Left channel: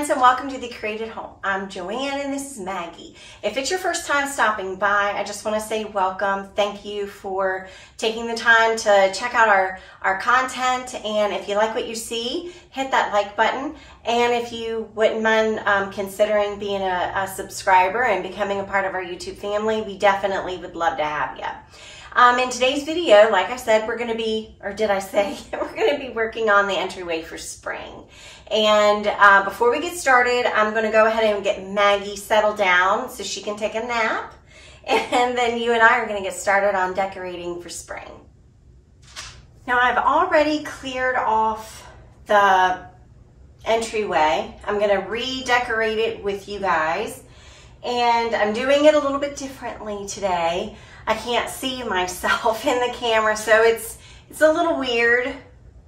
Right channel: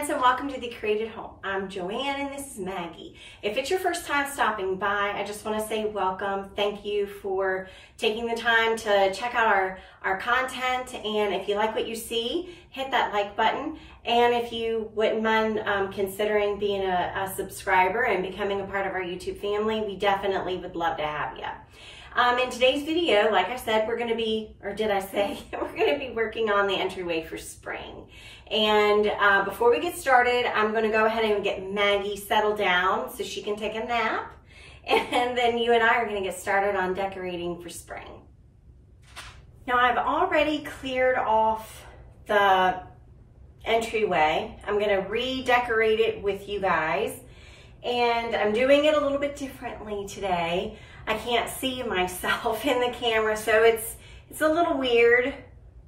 friends, and welcome to the Curated Home. I'm Joanne and this is Maggie. If it's your first time stopping by, I just want to say welcome. Thank you for taking the time to check out our content, and if you like what you see, hit that like button. And if you wouldn't mind considering being a subscriber and becoming a part of our YouTube family, we definitely would love to have you. In today's video, like I said, we're going to be, or did I say, we're going to be working on the entryway for spring. And before we get started, I'm going to go ahead and get Maggie settled down so she can take a nap. And then you and I are going to get started on decorating for spring. Now I've already cleared off the entryway. I'm going to redecorate it with you guys. And I'm doing it a little bit differently today. I can't see myself in the camera, so it's a little weird,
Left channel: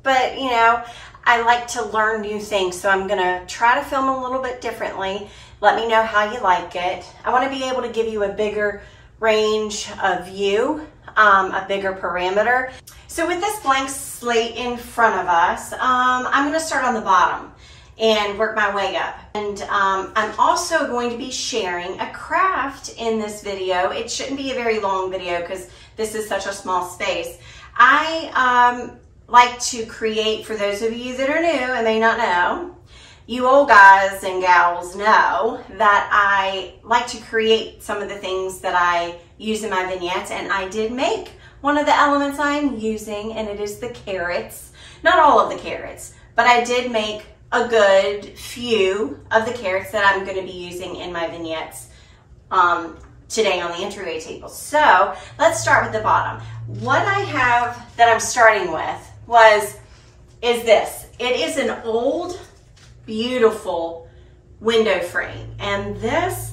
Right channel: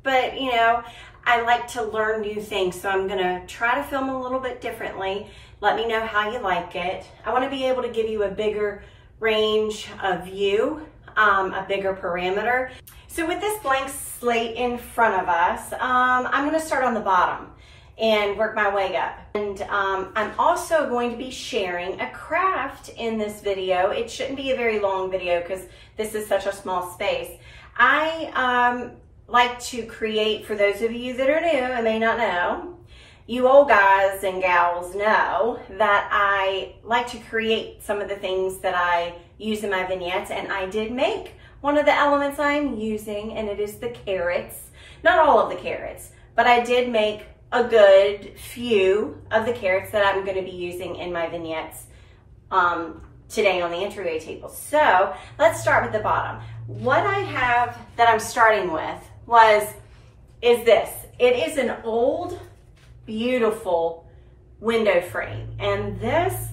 but you know, I like to learn new things, so I'm gonna try to film a little bit differently. Let me know how you like it. I want to be able to give you a bigger range of view, a bigger parameter. So with this blank slate in front of us, I'm gonna start on the bottom and work my way up. And I'm also going to be sharing a craft in this video. It shouldn't be a very long video because this is such a small space. I like to create, for those of you that are new and may not know, you old guys and gals know that I like to create some of the things that I use in my vignettes, and I did make one of the elements I'm using, and it is the carrots. Not all of the carrots, but I did make a good few of the carrots that I'm going to be using in my vignettes today on the entryway table. So let's start with the bottom. What I have that I'm starting with is this. It is an old, beautiful window frame, and this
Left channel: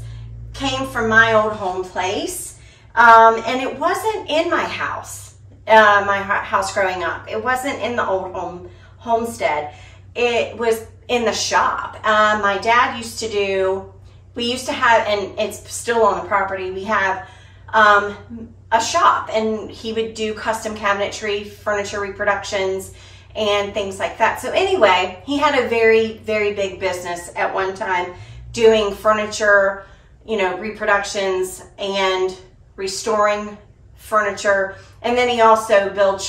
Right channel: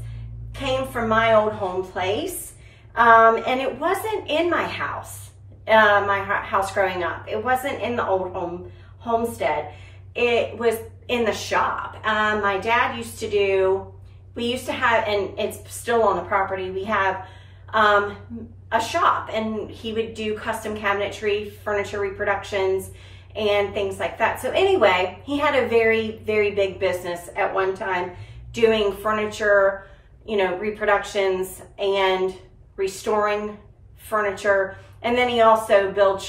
came from my old home place, and it wasn't in my house, growing up. It wasn't in the old homestead. It was in the shop. My dad used to do, we used to have, and it's still on the property, we have a shop, and he would do custom cabinetry, furniture reproductions, and things like that. So anyway, he had a very, very big business at one time doing furniture, you know, reproductions and restoring furniture. And then he also built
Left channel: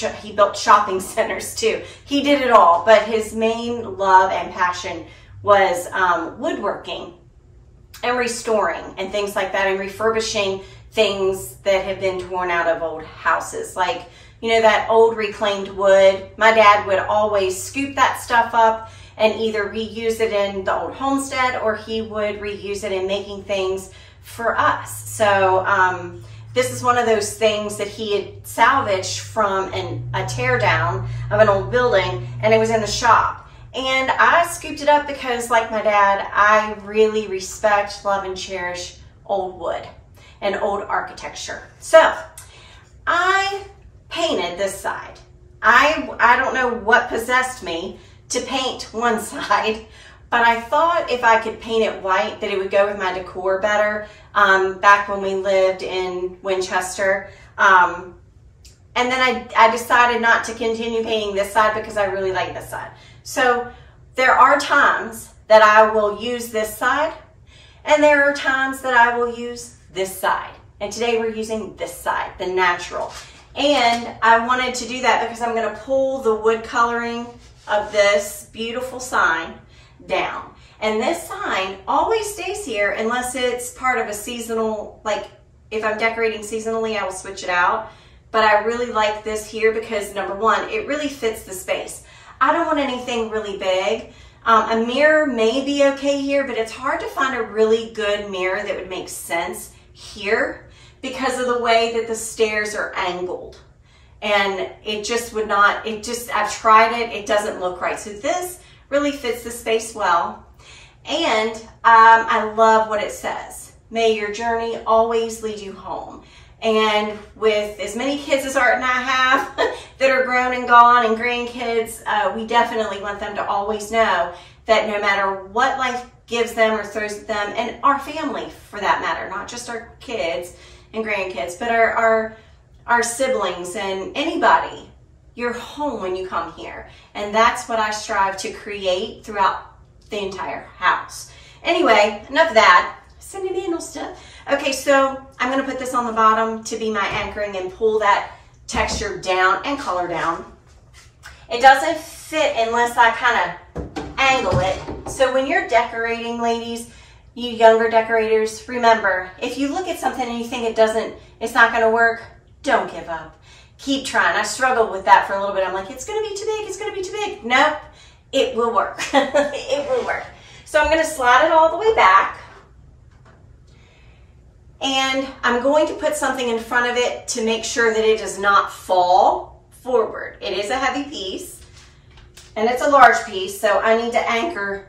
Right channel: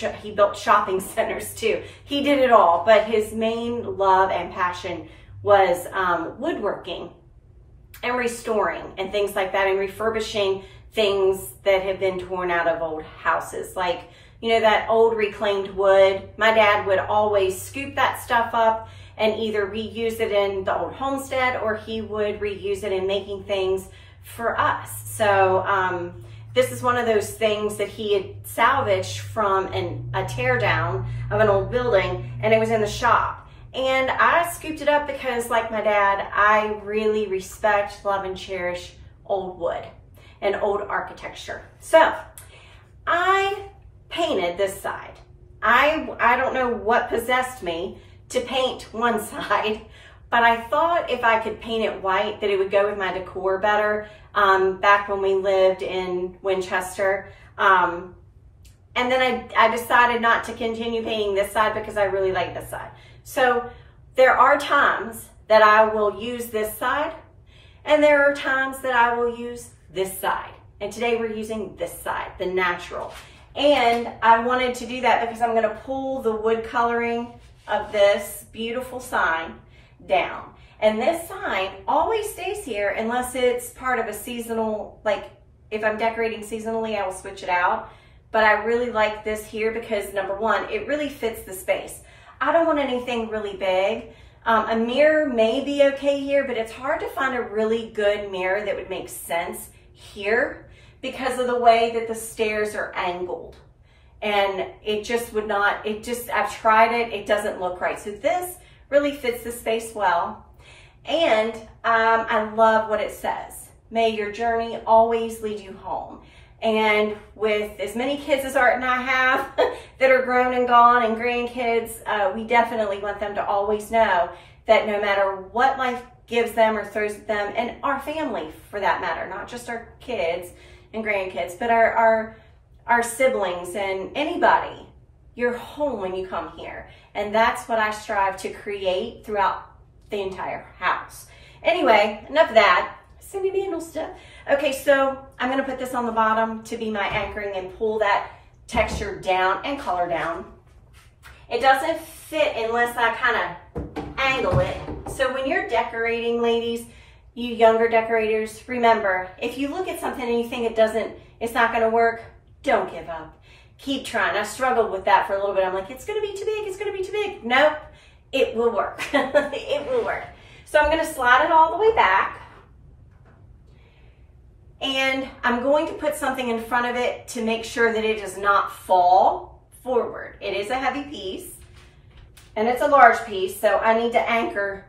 shopping centers too. He did it all, but his main love and passion was woodworking and restoring and things like that, and refurbishing things that have been torn out of old houses. Like, you know, that old reclaimed wood. My dad would always scoop that stuff up and either reuse it in the old homestead, or he would reuse it in making things for us. So this is one of those things that he had salvaged from a tear down of an old building, and it was in the shop. And I scooped it up because, like my dad, I really respect, love, and cherish old wood and old architecture. So I painted this side. I don't know what possessed me to paint one side, but I thought if I could paint it white that it would go with my decor better. Back when we lived in Winchester. And then I decided not to continue painting this side because I really like this side. So there are times that I will use this side, and there are times that I will use this side. And today we're using this side, the natural. And I wanted to do that because I'm going to pull the wood coloring of this beautiful sign down. And this sign always stays here unless it's part of a seasonal, like if I'm decorating seasonally, I will switch it out. But I really like this here because, number one, it really fits the space. I don't want anything really big. A mirror may be okay here, but it's hard to find a really good mirror that would make sense here because of the way that the stairs are angled. And it just would not, I've tried it, it doesn't look right. So this really fits the space well. And I love what it says. May your journey always lead you home. And with as many kids as Art and I have that are grown and gone, and grandkids, we definitely want them to always know that no matter what life gives them or throws at them, and our family for that matter, not just our kids and grandkids, but our siblings and anybody, you're home when you come here. And that's what I strive to create throughout the entire house. Anyway, enough of that. Sentimental stuff. Okay, so I'm gonna put this on the bottom to be my anchoring and pull that texture down and color down. It doesn't fit unless I kind of angle it. So when you're decorating, ladies, you younger decorators, remember, if you look at something and you think it's not gonna work, don't give up. Keep trying. I struggled with that for a little bit. I'm like, it's gonna be too big, it's gonna be too big. Nope, it will work. It will work. So I'm gonna slide it all the way back. And I'm going to put something in front of it to make sure that it does not fall forward. It is a heavy piece and it's a large piece, so I need to anchor,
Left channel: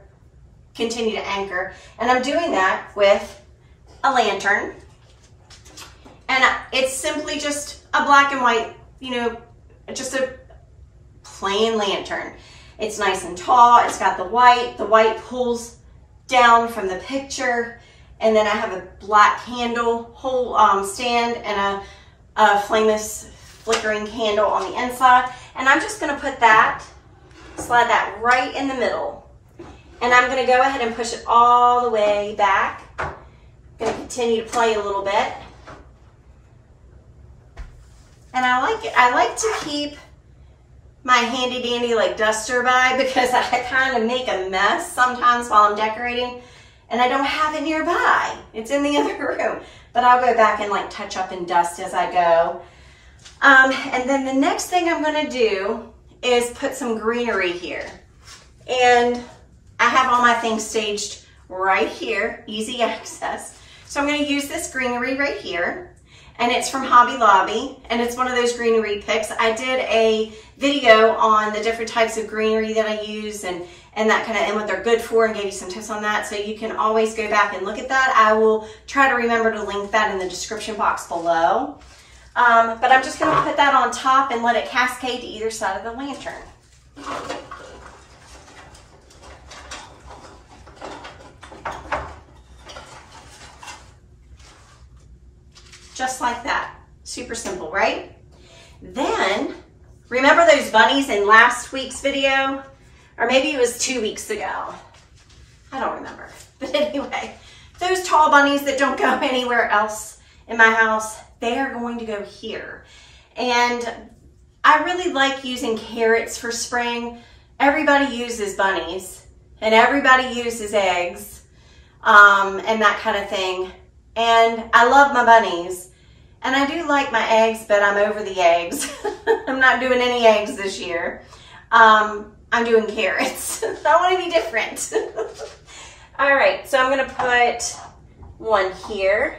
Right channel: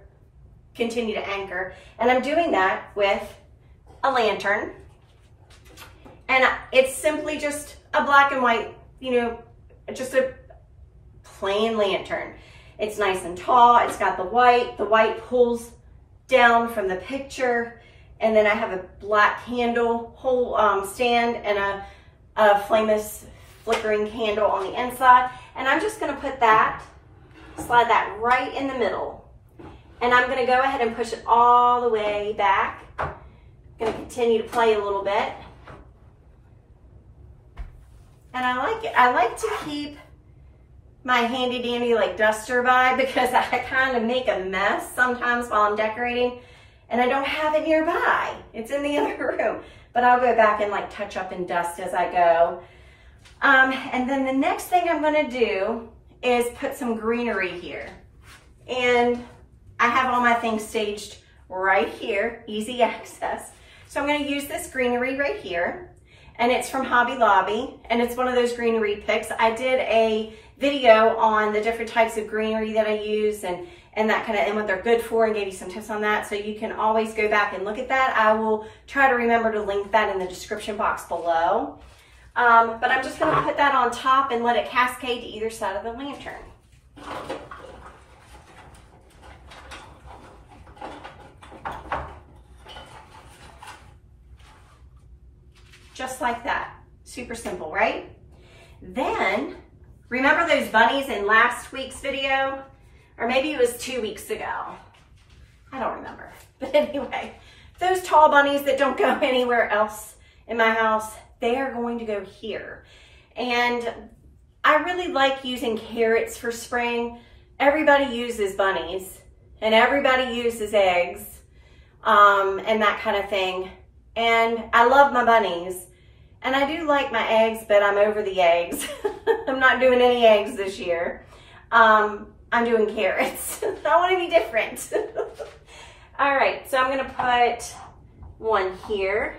continue to anchor. And I'm doing that with a lantern. And it's simply just a black and white, you know, just a plain lantern. It's nice and tall, it's got the white pulls down from the picture. And then I have a black candle stand and a flameless flickering candle on the inside. And I'm just gonna put that, slide that right in the middle. And I'm gonna go ahead and push it all the way back. I'm gonna continue to play a little bit. And I like to keep my handy dandy like duster by because I kind of make a mess sometimes while I'm decorating. And I don't have it nearby. It's in the other room. But I'll go back and like touch up and dust as I go. And then the next thing I'm gonna do is put some greenery here. And I have all my things staged right here, easy access. So I'm gonna use this greenery right here. And it's from Hobby Lobby. And it's one of those greenery picks. I did a video on the different types of greenery that I use and that kind of, and what they're good for, and gave you some tips on that. So you can always go back and look at that. I will try to remember to link that in the description box below. But I'm just gonna put that on top and let it cascade to either side of the lantern. Just like that, super simple, right? Then, remember those bunnies in last week's video? Or maybe it was 2 weeks ago. I don't remember. But anyway, those tall bunnies that don't go anywhere else in my house, they are going to go here. And I really like using carrots for spring. Everybody uses bunnies and everybody uses eggs and that kind of thing. And I love my bunnies. And I do like my eggs, but I'm over the eggs. I'm not doing any eggs this year. I'm doing carrots. I want to be different. All right, so I'm gonna put one here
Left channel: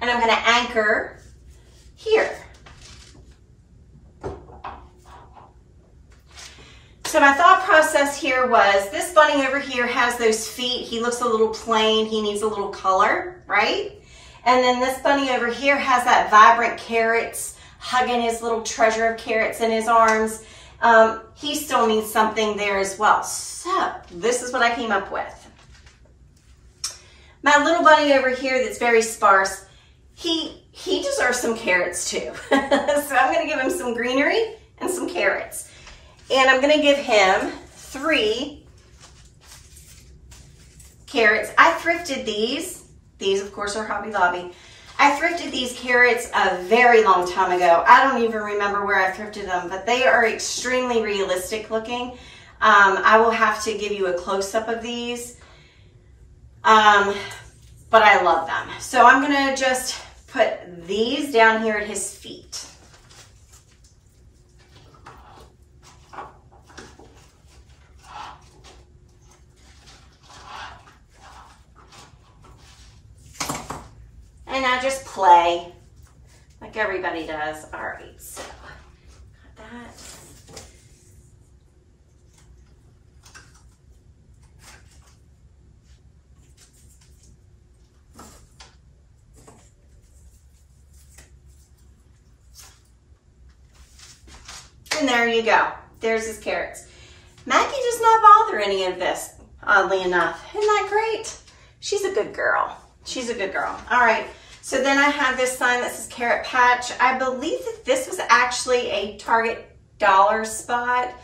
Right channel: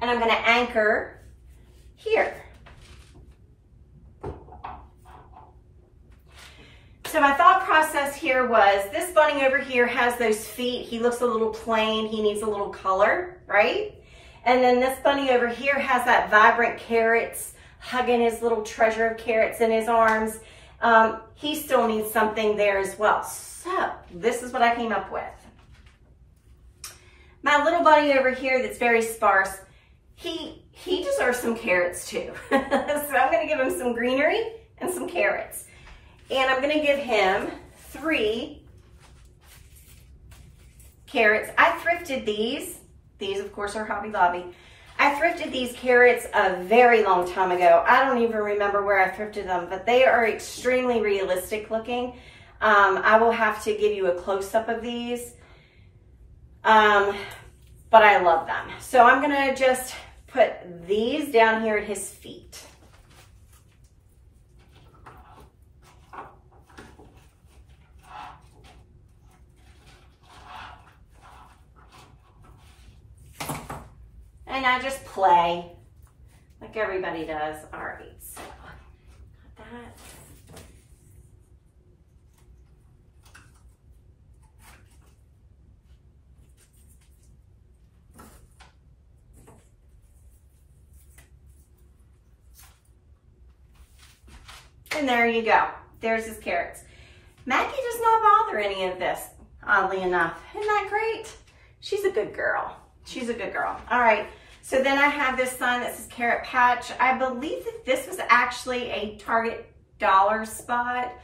and I'm gonna anchor here. So my thought process here was this bunny over here has those feet. He looks a little plain. He needs a little color, right? And then this bunny over here has that vibrant carrots, hugging his little treasure of carrots in his arms. He still needs something there as well. So this is what I came up with. My little bunny over here that's very sparse, he deserves some carrots too. So I'm gonna give him some greenery and some carrots. And I'm gonna give him 3 carrots. I thrifted these. These of course are Hobby Lobby. I thrifted these carrots a very long time ago. I don't even remember where I thrifted them, but they are extremely realistic looking. I will have to give you a close-up of these, but I love them. So I'm gonna just put these down here at his feet. And I just play like everybody does. All right, so got that. And there you go. There's his carrots. Maggie does not bother any of this, oddly enough. Isn't that great? She's a good girl. She's a good girl. All right. So then I have this sign that says Carrot Patch. I believe that this was actually a Target dollar spot.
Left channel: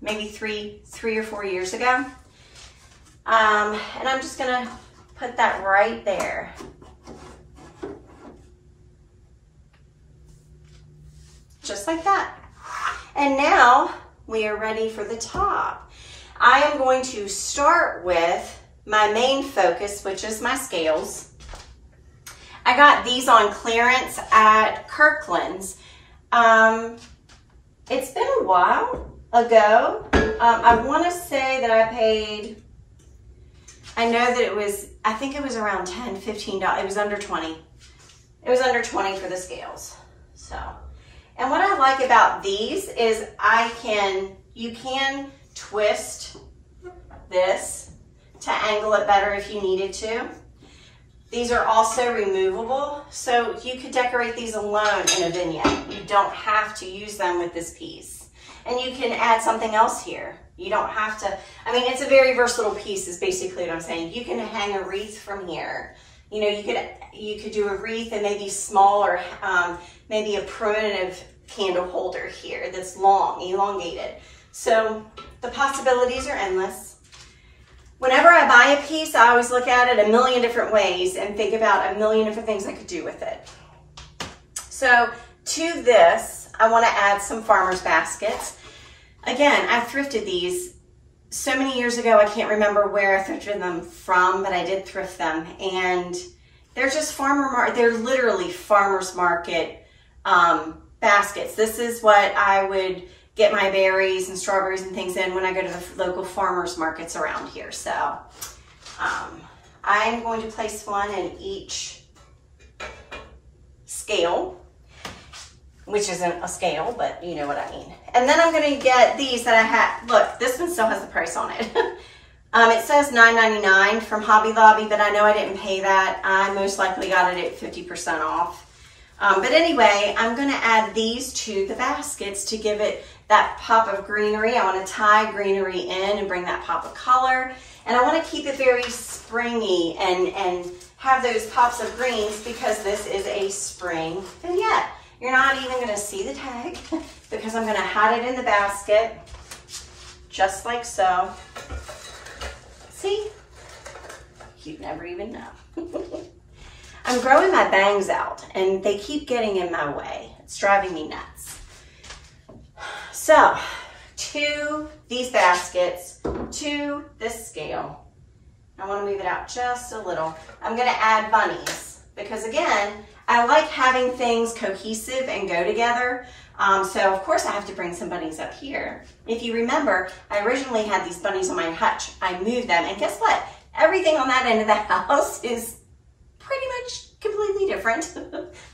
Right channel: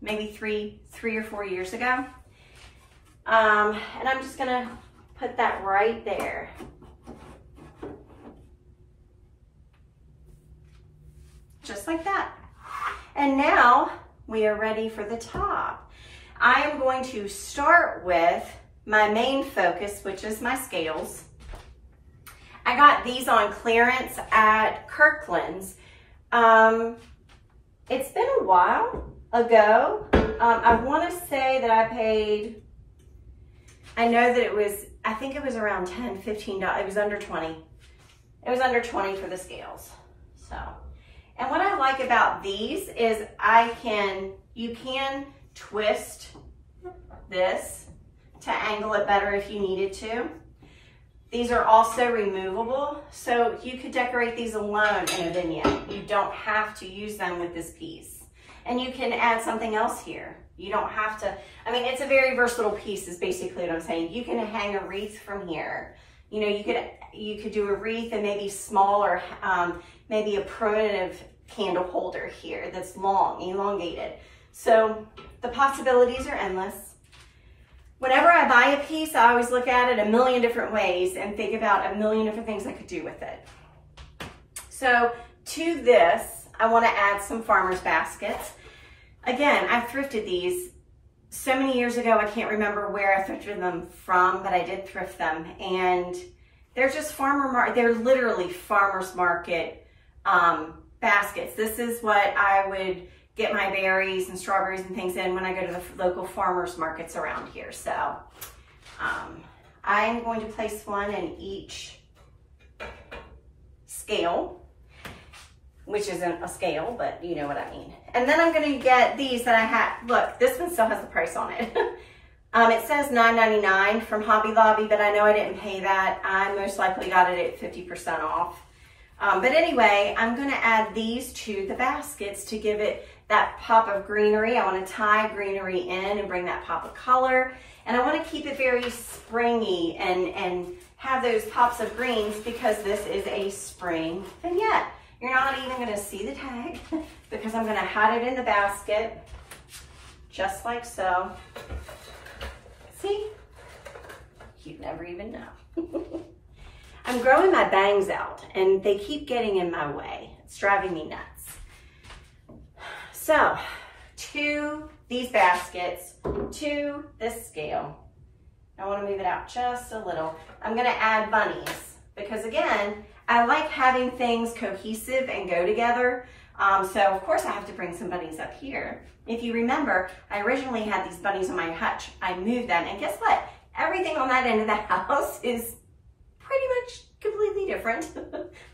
maybe three or 4 years ago. And I'm just gonna put that right there. Just like that. And now we are ready for the top. I am going to start with my main focus, which is my scales. I got these on clearance at Kirkland's. It's been a while ago. I want to say that I paid, I know that it was, I think it was around $10, $15. It was under 20. It was under 20 for the scales. So, and what I like about these is you can twist this to angle it better if you needed to. These are also removable, so you could decorate these alone in a vignette. You don't have to use them with this piece. And you can add something else here. You don't have to, I mean, it's a very versatile piece is basically what I'm saying. You can hang a wreath from here. You know, you could do a wreath and maybe smaller, maybe a primitive candle holder here that's long, elongated. So the possibilities are endless. Whenever I buy a piece, I always look at it a million different ways and think about a million different things I could do with it. So to this, I want to add some farmer's baskets. Again, I thrifted these so many years ago, I can't remember where I thrifted them from, but I did thrift them. And they're just they're literally farmer's market baskets. This is what I would get my berries and strawberries and things in when I go to the local farmers markets around here. So I'm going to place one in each scale, which isn't a scale, but you know what I mean. And then I'm going to get these that I had. Look, this one still has the price on it. It says $9.99 from Hobby Lobby, but I know I didn't pay that. I most likely got it at 50% off. But anyway, I'm going to add these to the baskets to give it that pop of greenery. I want to tie greenery in and bring that pop of color. And I want to keep it very springy and have those pops of greens because this is a spring vignette. You're not even going to see the tag because I'm going to hide it in the basket just like so. See? You'd never even know. I'm growing my bangs out and they keep getting in my way. It's driving me nuts. So, to these baskets, to this scale, I want to move it out just a little. I'm going to add bunnies because again, I like having things cohesive and go together. So of course I have to bring some bunnies up here. If you remember, I originally had these bunnies on my hutch. I moved them and guess what? Everything on that end of the house is pretty much completely different.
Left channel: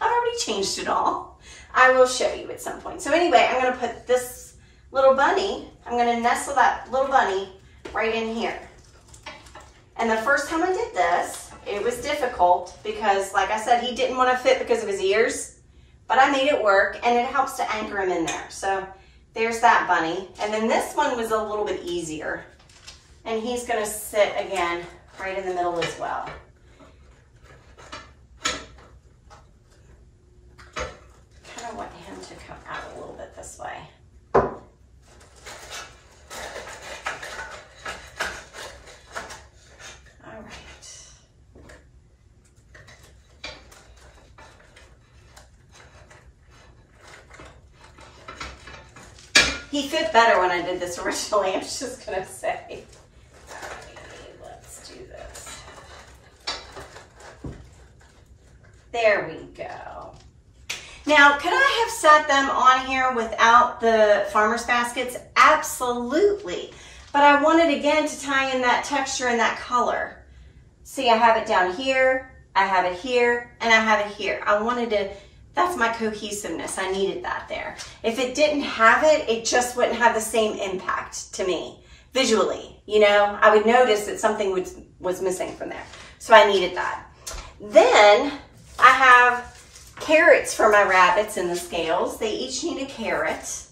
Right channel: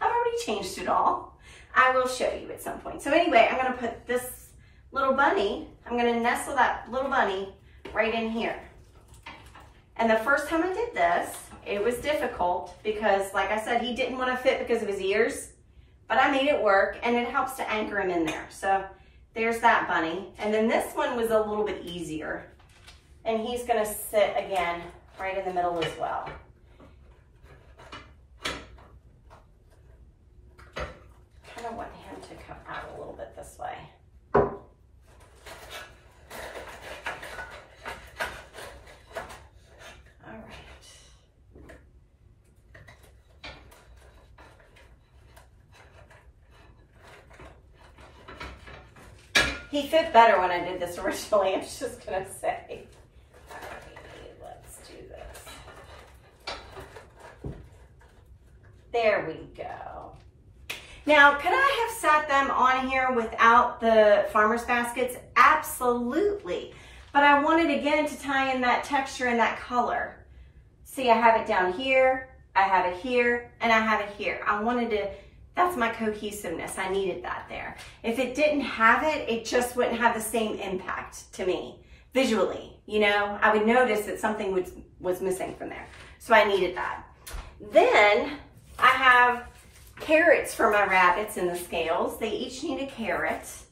I've already changed it all. I will show you at some point. So anyway, I'm going to put this little bunny, I'm going to nestle that little bunny right in here. And the first time I did this, it was difficult because like I said, he didn't want to fit because of his ears, but I made it work and it helps to anchor him in there. So there's that bunny. And then this one was a little bit easier. And he's going to sit again right in the middle as well. Kind of want him to come out a little bit this way. All right. He fit better when I did this originally, I'm just gonna say. All right, let's do this. There we go. Now, could I have sat them on here without the farmer's baskets? Absolutely. But I wanted, again, to tie in that texture and that color. See, I have it down here, I have it here, and I have it here. I wanted to, that's my cohesiveness. I needed that there. If it didn't have it, it just wouldn't have the same impact to me visually. You know, I would notice that something was missing from there. So I needed that. Then I have carrots for my rabbits in the scales. They each need a carrot.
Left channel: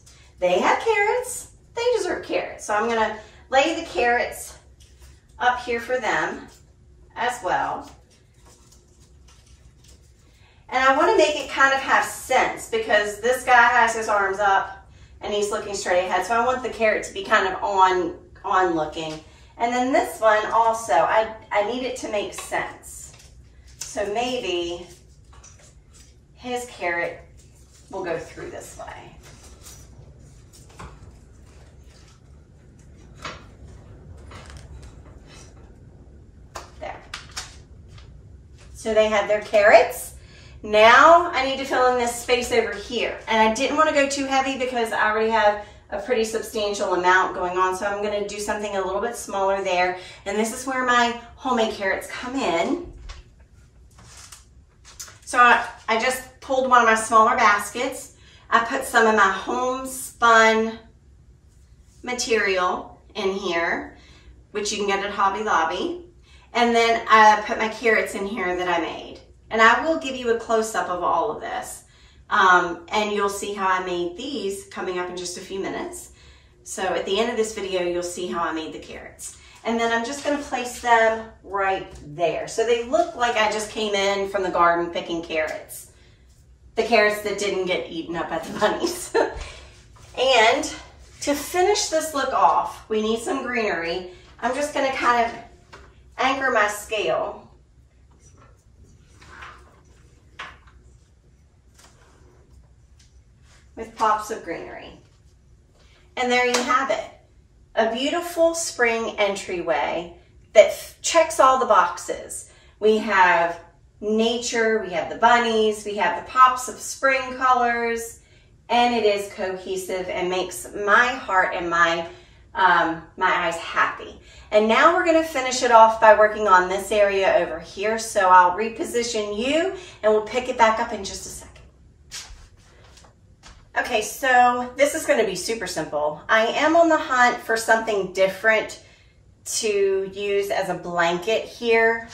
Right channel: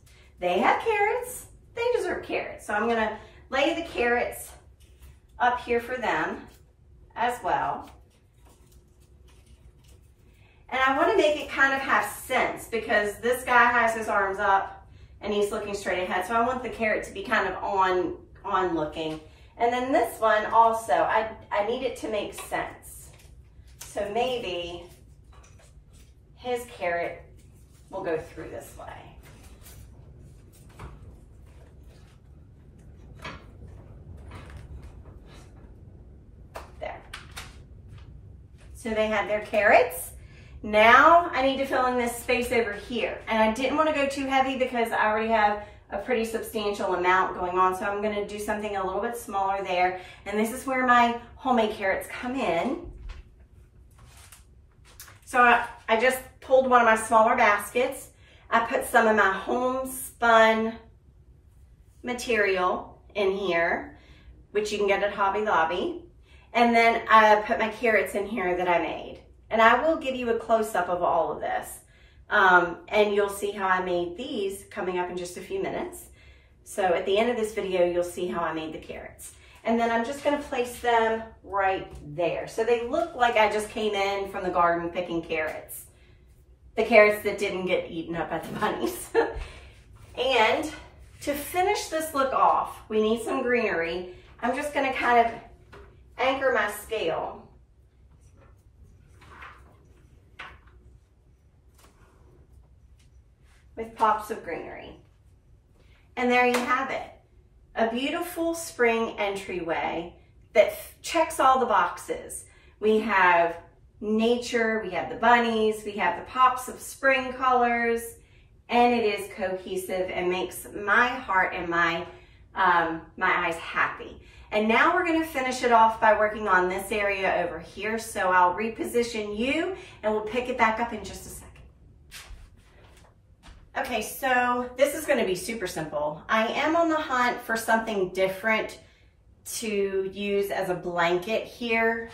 They have carrots. They deserve carrots. So I'm going to lay the carrots up here for them as well. And I want to make it kind of have sense because this guy has his arms up and he's looking straight ahead. So I want the carrot to be kind of on looking. And then this one also, I need it to make sense. So maybe his carrot will go through this way. There. So they have their carrots. Now I need to fill in this space over here. And I didn't want to go too heavy because I already have a pretty substantial amount going on. So I'm going to do something a little bit smaller there. And this is where my homemade carrots come in. So I just pulled one of my smaller baskets. I put some of my homespun material in here, which you can get at Hobby Lobby. And then I put my carrots in here that I made. And I will give you a close-up of all of this. And you'll see how I made these coming up in just a few minutes. So at the end of this video, you'll see how I made the carrots. And then I'm just gonna place them right there. So they look like I just came in from the garden picking carrots. The carrots that didn't get eaten up at the bunnies. And to finish this look off, we need some greenery. I'm just gonna kind of anchor my scale. With pops of greenery. And there you have it. A beautiful spring entryway that checks all the boxes. We have nature, we have the bunnies, we have the pops of spring colors, and it is cohesive and makes my heart and my eyes happy. And now we're gonna finish it off by working on this area over here. So I'll reposition you and we'll pick it back up in just a second. Okay, so this is gonna be super simple. I am on the hunt for something different to use as a blanket here.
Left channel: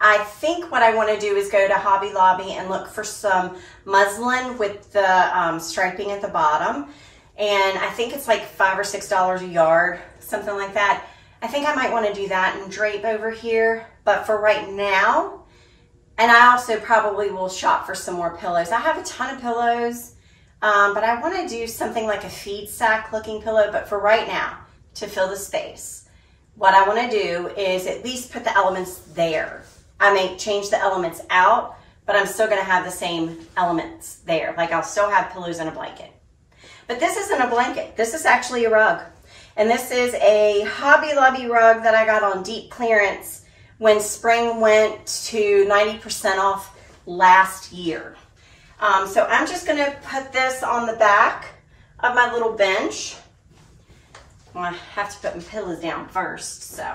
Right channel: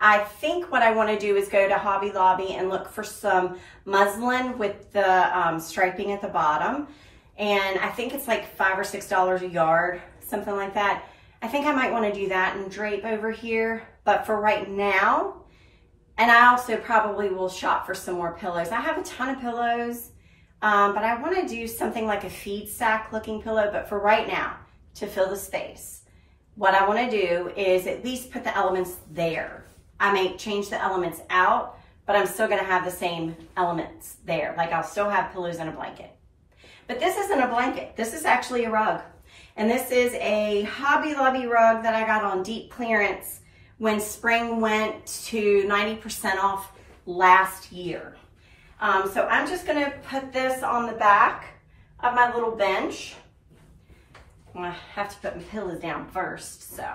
I think what I wanna do is go to Hobby Lobby and look for some muslin with the striping at the bottom. And I think it's like $5 or $6 a yard, something like that. I think I might wanna do that and drape over here. But for right now, and I also probably will shop for some more pillows. I have a ton of pillows, but I want to do something like a feed sack looking pillow. But for right now, to fill the space, what I want to do is at least put the elements there. I may change the elements out, but I'm still going to have the same elements there. Like I'll still have pillows and a blanket. But this isn't a blanket. This is actually a rug. And this is a Hobby Lobby rug that I got on deep clearance when spring went to 90% off last year. So I'm just gonna put this on the back of my little bench. Well, I have to put my pillows down first, so.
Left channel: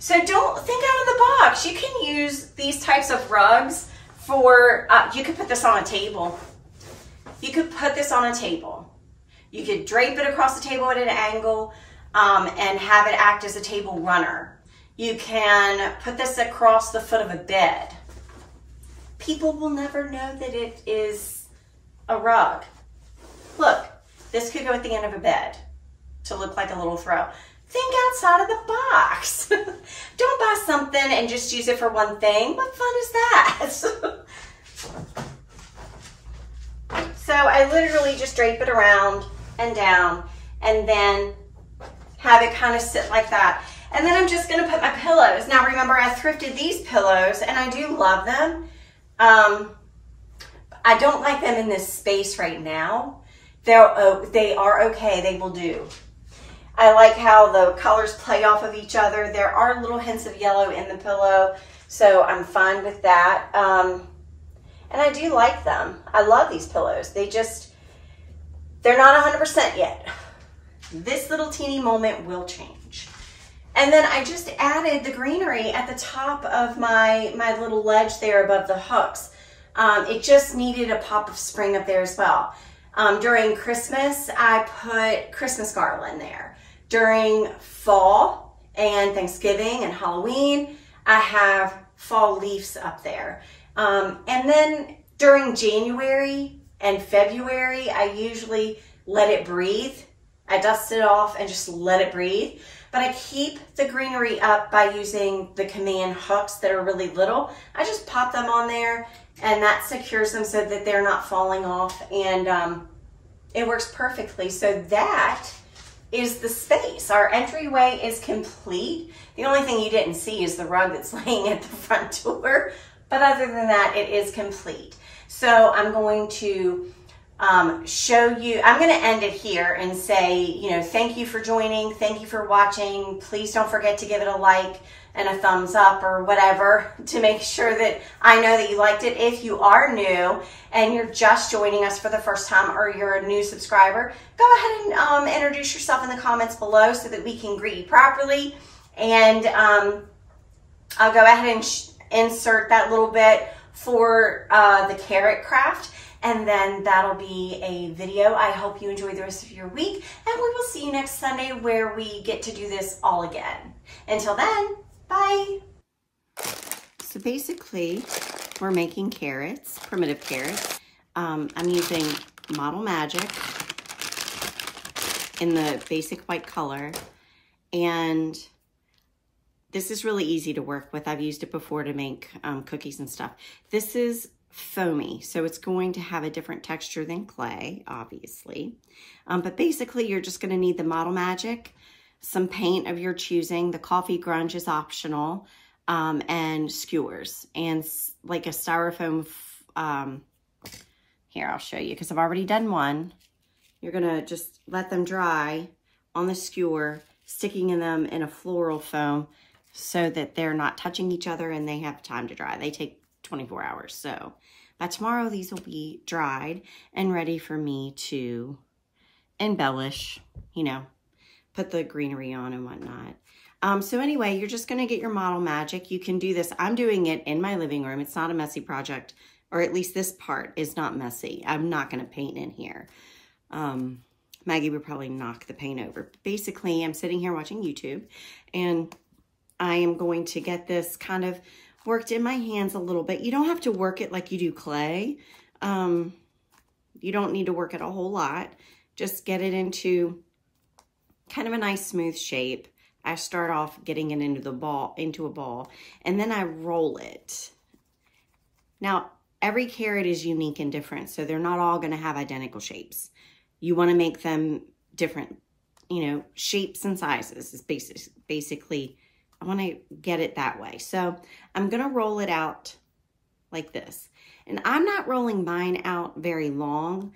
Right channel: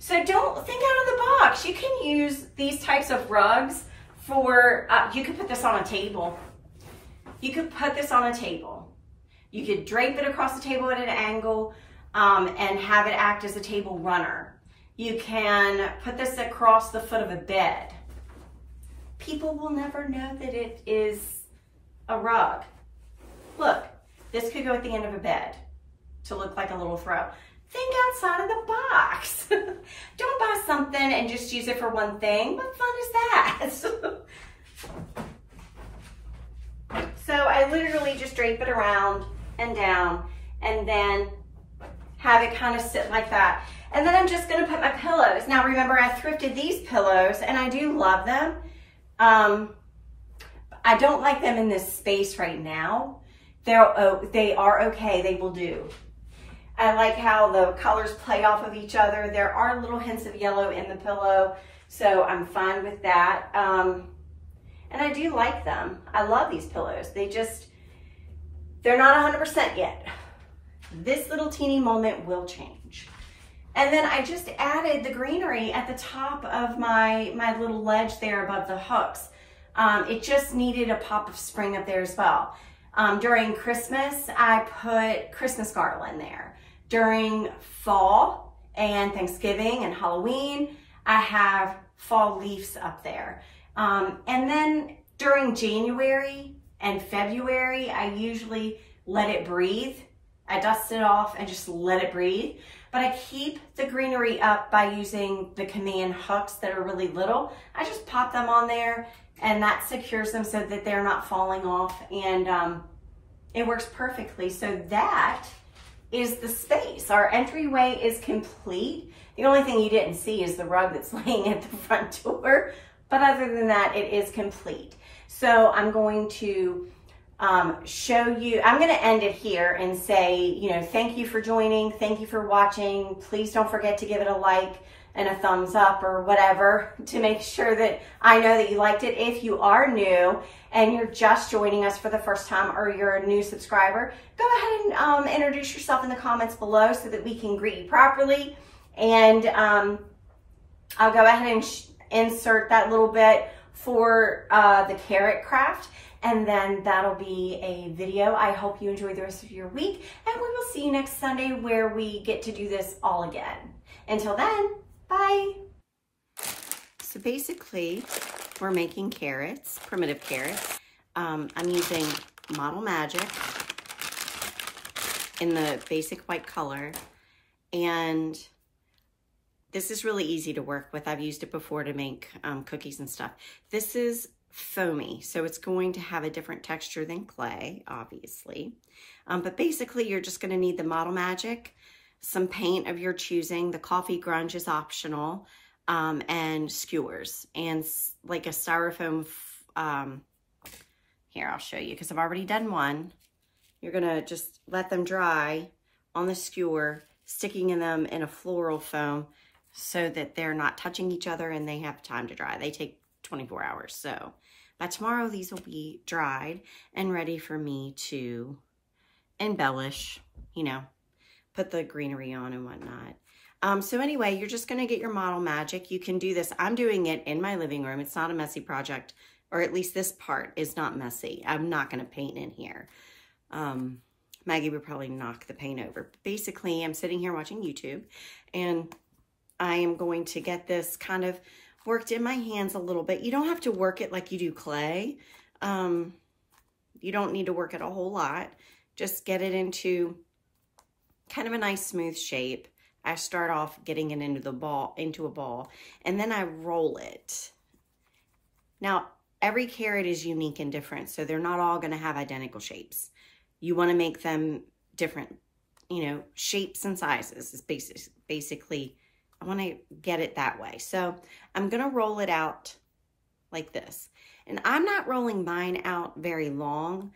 So don't think out of the box. You can use these types of rugs for, you could put this on a table. You could put this on a table. You could drape it across the table at an angle and have it act as a table runner. You can put this across the foot of a bed. People will never know that it is a rug. Look, this could go at the end of a bed to look like a little throw. Think outside of the box. Don't buy something and just use it for one thing. What fun is that? So I literally just drape it around and down and then have it kind of sit like that. And then I'm just gonna put my pillows. Now remember, I thrifted these pillows and I do love them. I don't like them in this space right now. They are okay, they will do. I like how the colors play off of each other. There are little hints of yellow in the pillow, so I'm fine with that. And I do like them. I love these pillows. They're not 100% yet. This little teeny moment will change. And then I just added the greenery at the top of my little ledge there above the hooks. It just needed a pop of spring up there as well. During Christmas, I put Christmas garland there. During fall and Thanksgiving and Halloween, I have fall leaves up there. And then during January and February, I usually let it breathe. I dust it off and just let it breathe. But I keep the greenery up by using the command hooks that are really little. I just pop them on there and that secures them so that they're not falling off. And It works perfectly. So that is the space. Our entryway is complete. The only thing you didn't see is the rug that's laying at the front door. But other than that, it is complete. So I'm going to show you, I'm going to end it here and say, you know, thank you for joining. Thank you for watching. Please don't forget to give it a like and a thumbs up or whatever to make sure that I know that you liked it. If you are new and you're just joining us for the first time or you're a new subscriber, go ahead and introduce yourself in the comments below so that we can greet you properly. And I'll go ahead and insert that little bit for the carrot craft, and then that'll be a video. I hope you enjoy the rest of your week, and we will see you next Sunday where we get to do this all again. Until then, bye. So basically, we're making carrots, primitive carrots. I'm using Model Magic in the basic white color, and this is really easy to work with. I've used it before to make cookies and stuff. This is foamy, so it's going to have a different texture than clay, obviously. But basically, you're just going to need the Model Magic, some paint of your choosing. The coffee grunge is optional, and skewers, and like a styrofoam. Here, I'll show you, because I've already done one. You're going to just let them dry on the skewer, sticking in them in a floral foam, so that they're not touching each other and they have time to dry. They take 24 hours. So by tomorrow, these will be dried and ready for me to embellish, you know, put the greenery on and whatnot. So anyway, you're just going to get your Model Magic. You can do this. I'm doing it in my living room. It's not a messy project, or at least this part is not messy. I'm not going to paint in here. Maggie would probably knock the paint over. But basically, I'm sitting here watching YouTube, and I am going to get this kind of worked in my hands a little bit. You don't have to work it like you do clay. You don't need to work it a whole lot. Just get it into kind of a nice smooth shape. I start off getting it into a ball, and then I roll it. Now, every carrot is unique and different, so they're not all going to have identical shapes. You want to make them different, you know, shapes and sizes is basically, I want to get it that way. So I'm going to roll it out like this. And I'm not rolling mine out very long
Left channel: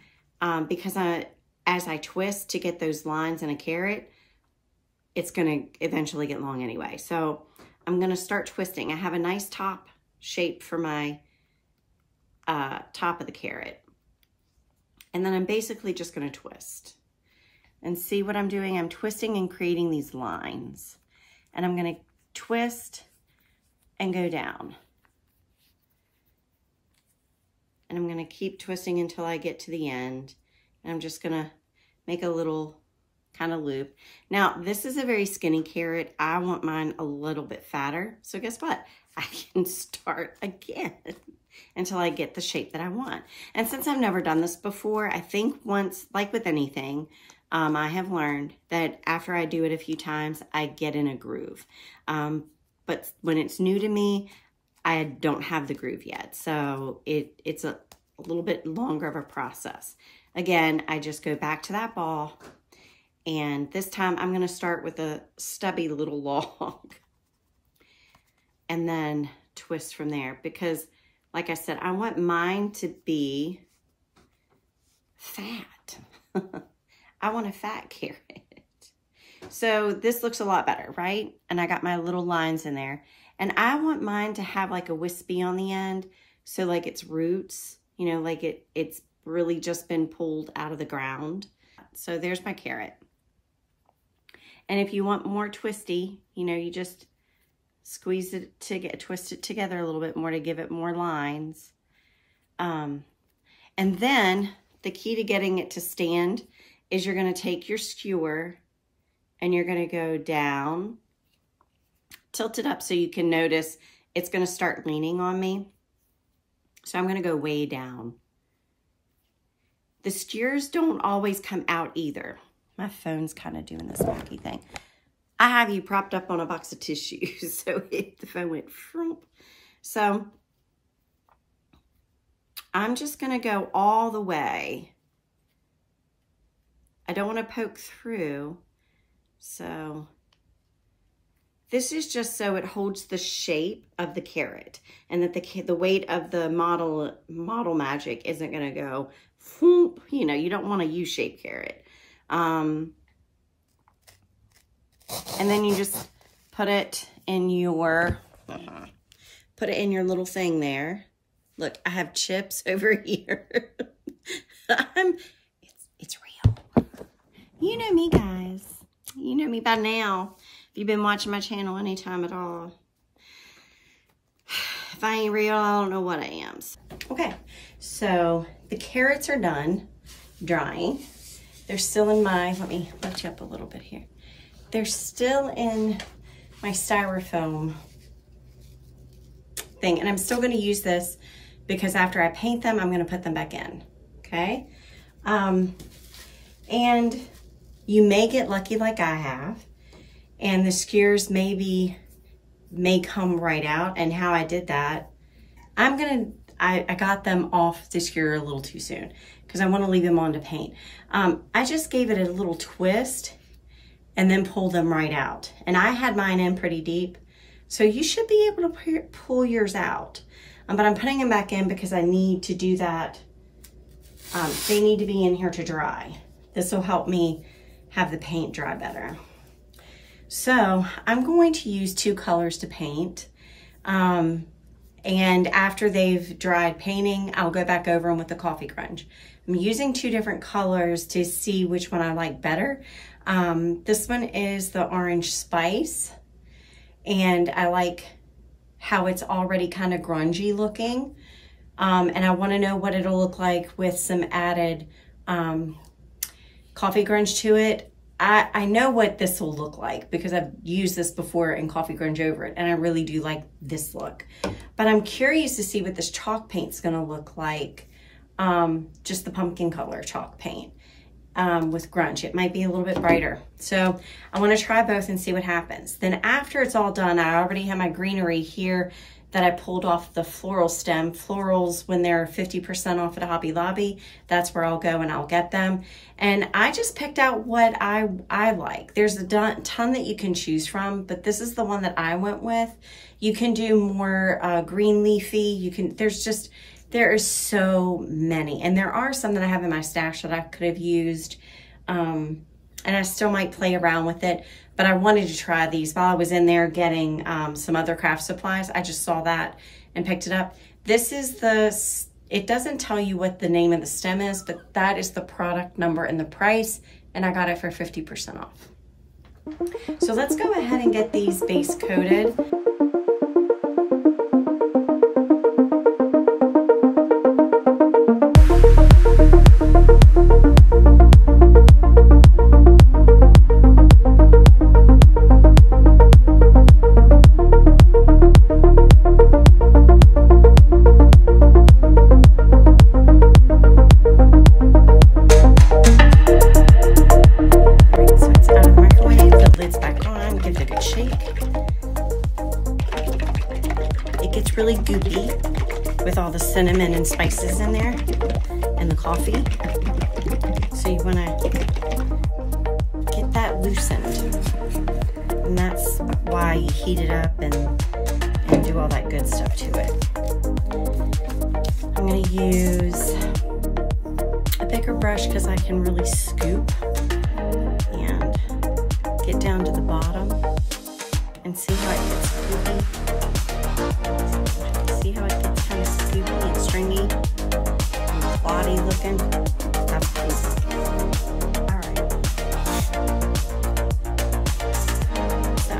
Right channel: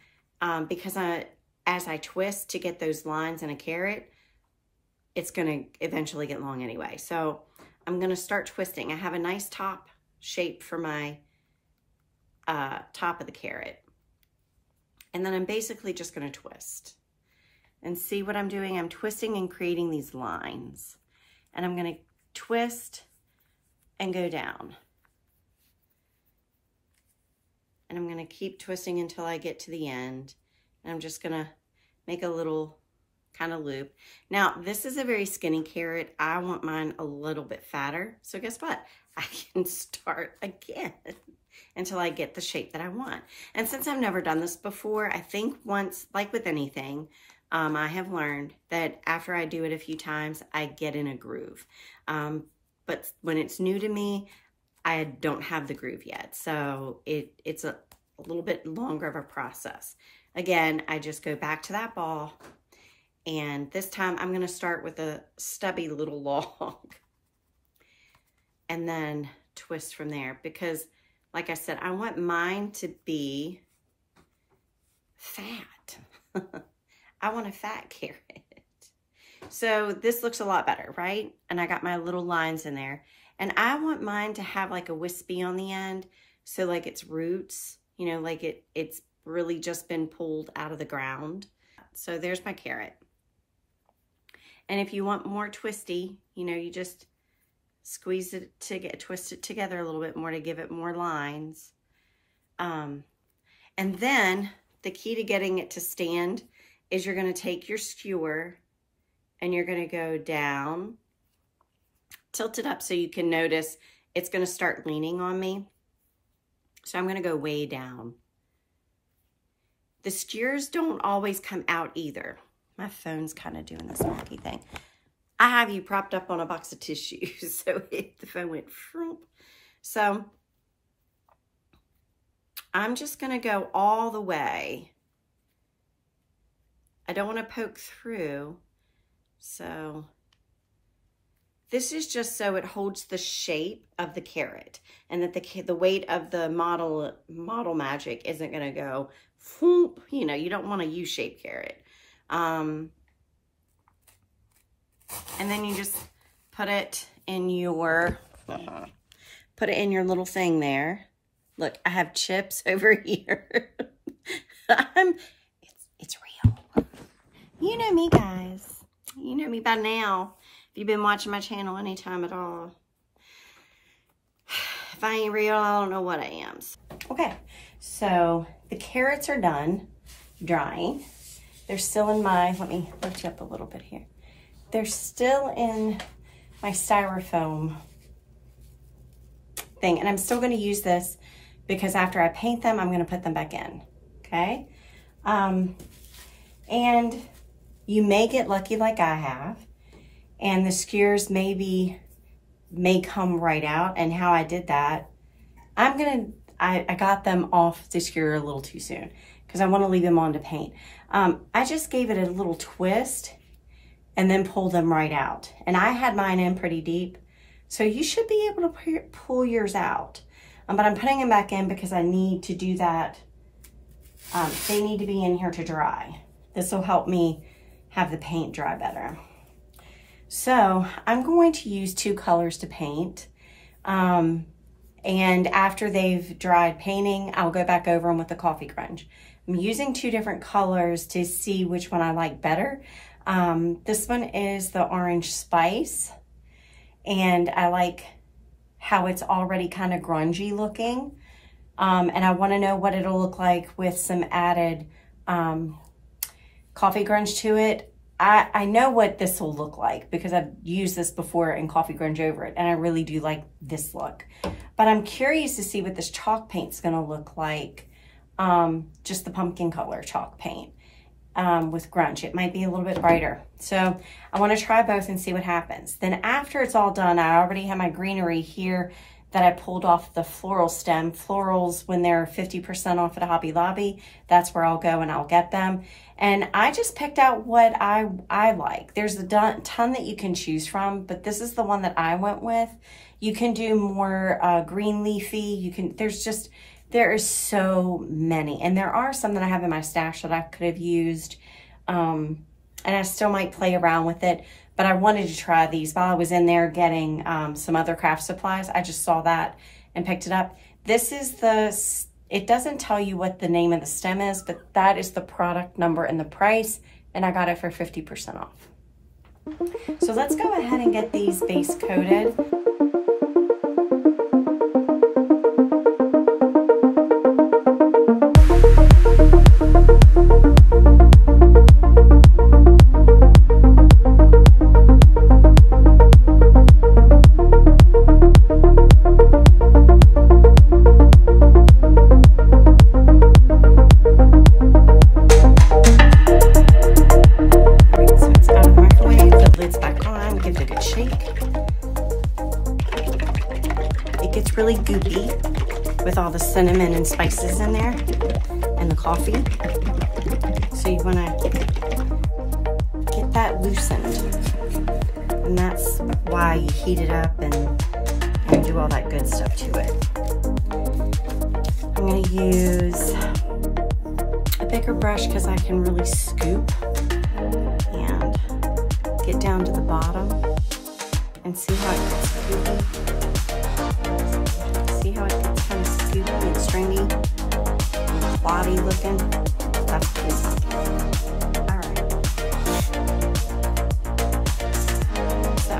because as I twist to get those lines in a carrot, it's going to eventually get long anyway. So I'm going to start twisting. I have a nice top shape for my top of the carrot. And then I'm basically just going to twist. And see what I'm doing? I'm twisting and creating these lines. And I'm going to twist and go down. And I'm going to keep twisting until I get to the end. And I'm just going to make a little kind of loop. Now, this is a very skinny carrot. I want mine a little bit fatter. So guess what? I can start again until I get the shape that I want. And since I've never done this before, I think once, like with anything, I have learned that after I do it a few times, I get in a groove. But when it's new to me, I don't have the groove yet. So it's a little bit longer of a process. Again, I just go back to that ball. And this time I'm going to start with a stubby little log. And then twist from there. Because, like I said, I want mine to be fat. I want a fat carrot. So this looks a lot better, right? And I got my little lines in there. And I want mine to have like a wispy on the end. So like its roots, you know, like it's really just been pulled out of the ground. So there's my carrot. And if you want more twisty, you know, you just squeeze it to twist it together a little bit more to give it more lines. And then the key to getting it to stand is you're going to take your skewer and you're going to go down, tilt it up so you can notice it's going to start leaning on me. So I'm going to go way down. The skewers don't always come out either. My phone's kind of doing this wonky thing. I have you propped up on a box of tissues, so the phone went vroom. So I'm just going to go all the way I don't want to poke through. So this is just so it holds the shape of the carrot, and that the weight of the Model Magic isn't going to go, whoop, you know, you don't want a U-shaped carrot. And then you just put it in your, little thing there. Look, I have chips over here. It's real. You know me, guys. You know me by now. If you've been watching my channel anytime at all. If I ain't real, I don't know what I am. Okay, so the carrots are done drying. They're still in my, let me lift you up a little bit here. They're still in my styrofoam thing, and I'm still gonna use this because after I paint them, I'm gonna put them back in, okay? And you may get lucky like I have, and the skewers may come right out. And how I did that, I got them off the skewer a little too soon because I want to leave them on to paint. I just gave it a little twist and then pulled them right out. And I had mine in pretty deep, so you should be able to pull yours out. But I'm putting them back in because I need to do that. They need to be in here to dry. This will help me have the paint dry better. So I'm going to use 2 colors to paint. And after they've dried painting, I'll go back over them with the coffee grunge. I'm using 2 different colors to see which one I like better. This one is the orange spice, and I like how it's already kind of grungy looking. And I want to know what it'll look like with some added coffee grunge to it. I know what this will look like because I've used this before in coffee grunge over it, and I really do like this look. But I'm curious to see what this chalk paint's gonna look like, just the pumpkin color chalk paint with grunge. It might be a little bit brighter. So I wanna try both and see what happens. Then after it's all done, I already have my greenery here that I pulled off the floral stem. Florals, when they're 50% off at Hobby Lobby, that's where I'll go and I'll get them. And I just picked out what I like. There's a ton that you can choose from, but this is the one that I went with. You can do more green leafy. There is so many. And there are some that I have in my stash that I could have used. And I still might play around with it. But I wanted to try these while I was in there getting some other craft supplies. I just saw that and picked it up. This is it doesn't tell you what the name of the stem is, but that is the product number and the price, and I got it for 50% off. So let's go ahead and get these base coated. Really goopy with all the cinnamon and spices in there and the coffee. So you want to get that loosened. And that's why you heat it up and do all that good stuff to it. I'm going to use a bigger brush because I can really scoop and get down to the bottom and see how it gets scoopy. See how it gets kind of scoopy and stringy and cloddy looking? That's what we want. All right. So,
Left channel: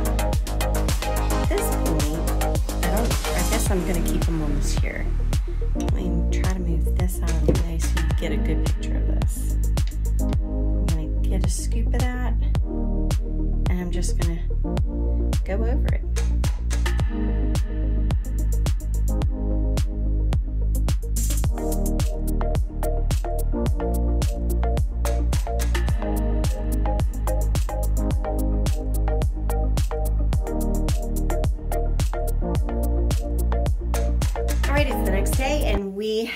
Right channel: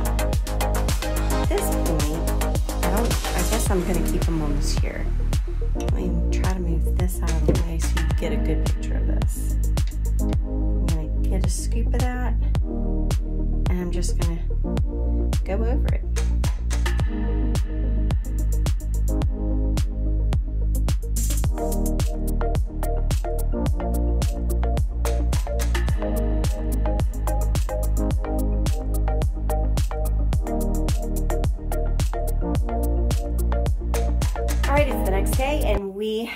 at this point, I guess I'm going to keep them almost here. Let me try to move this out of the way so you get a good picture of this. I'm going to get a scoop of that, and I'm just going to go over it.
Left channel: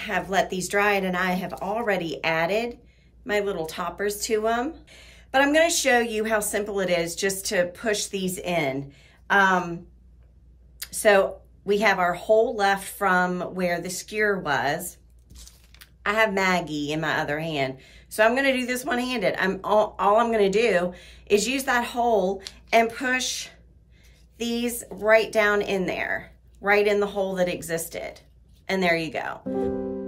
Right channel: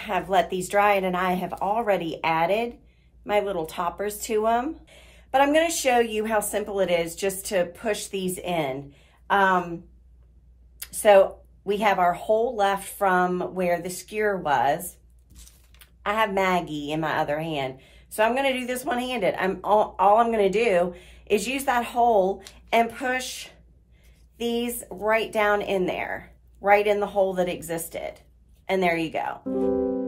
Have let these dry, and I have already added my little toppers to them. But I'm going to show you how simple it is just to push these in. So we have our hole left from where the skewer was. I have Maggie in my other hand. So I'm going to do this one-handed. All I'm going to do is use that hole and push these right down in there, right in the hole that existed. And there you go.